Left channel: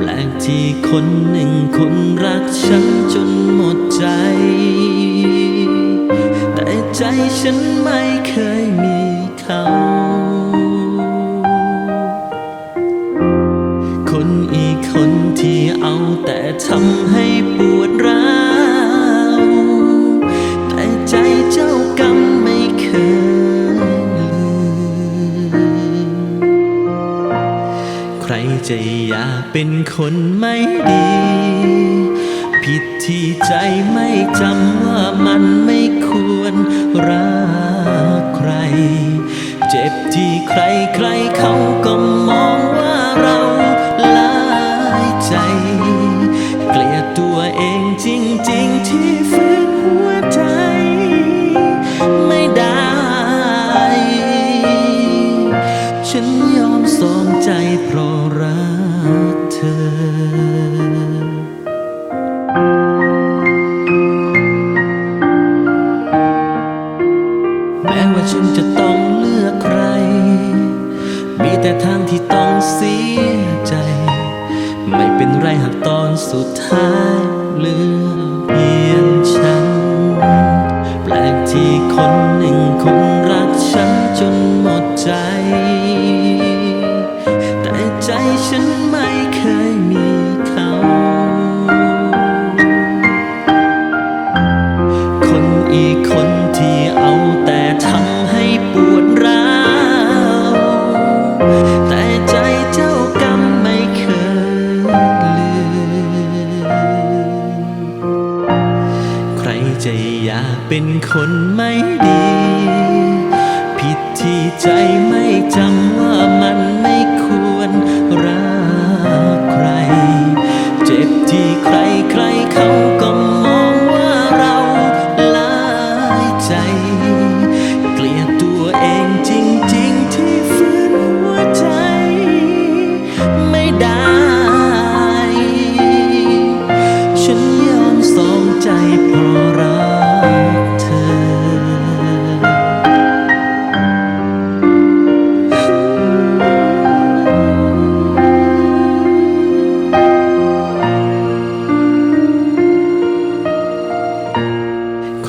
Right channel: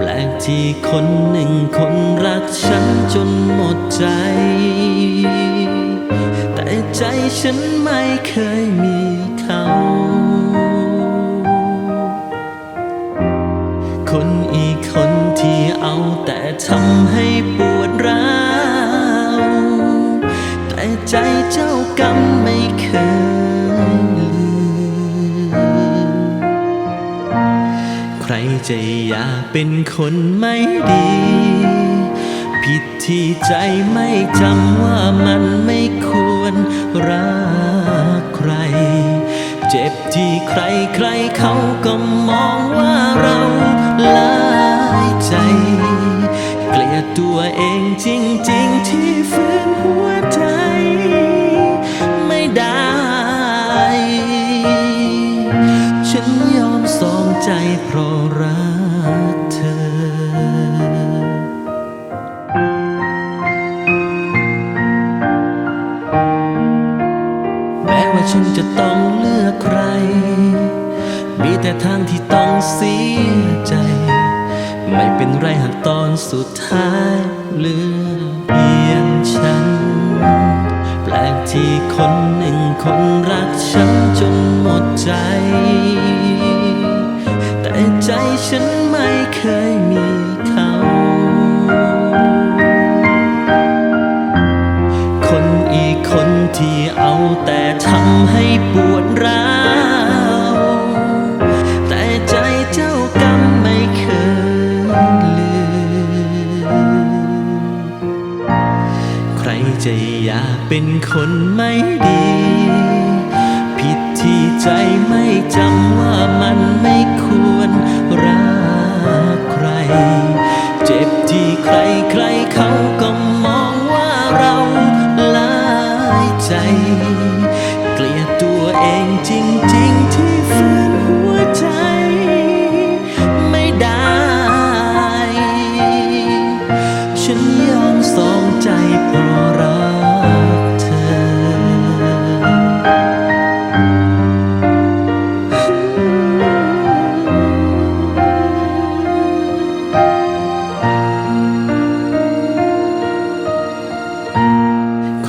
แปลกที่คนหนึ่งคนรักฉันจนหมดใจ แต่ใจฉันไม่เคยมีเขา คนอีกคนที่เอาแต่ทำให้ปวดร้าวแต่ใจเจ้ากรรมไม่เคย รจะอยากเป็นคนไม่ดี ผิดที่ใจไม่จำว่ามันไม่ควรรักใคร เจ็บที่ใครใครเขาก็มองว่าเราหลายใจ เกลียดตัวเองจริง ๆ ที่ฝื สองใจเพราะรักเธอแม้ว่าฉันจะต้องเลือกใคร มีแต่ทางที่ต้องเสียใจ ไม่เป็นไรหากตอนสุดท้ายเหลือเพียงฉัน แปลกที่คนหนึ่งคนรักฉันจนหมดใจ แต่ใจฉันไม่เคยมีเขา คนอีกคนที่เอาแต่ทำให้ปวดร้าว แต่ใจเจ้ากรรมไม่เคยลืม ใครจะอยากเป็นคนไม่ดี ผิด ที่ใจไม่จำว่ามันไม่ควรรักใคร เจ็บที่ใครใครเขาก็มองว่าเราลายใจ เกลียดตัวเองจริง ๆ ที่ฝืนหัวใจ ไม่ได้ ฉันยอมสองใจเพราะรัก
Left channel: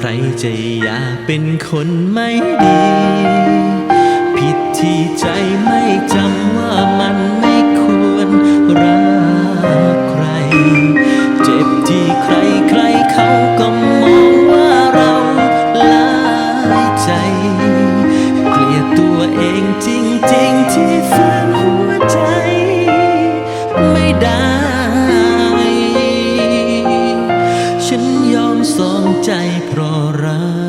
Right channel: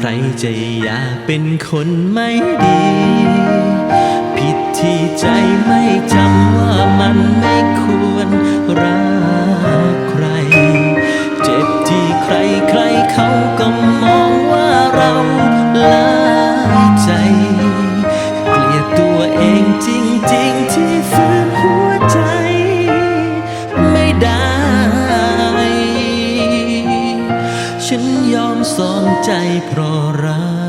ใครจะอยากเป็นคนไม่ดี ผิดที่ใจไม่จำว่ามันไม่ควรรักใคร เจ็บที่ใครใครเขาก็มองว่าเราหลายใจ เกลียดตัวเองจริง ๆ ที่ฝืนหัว สองใจเพราะรัก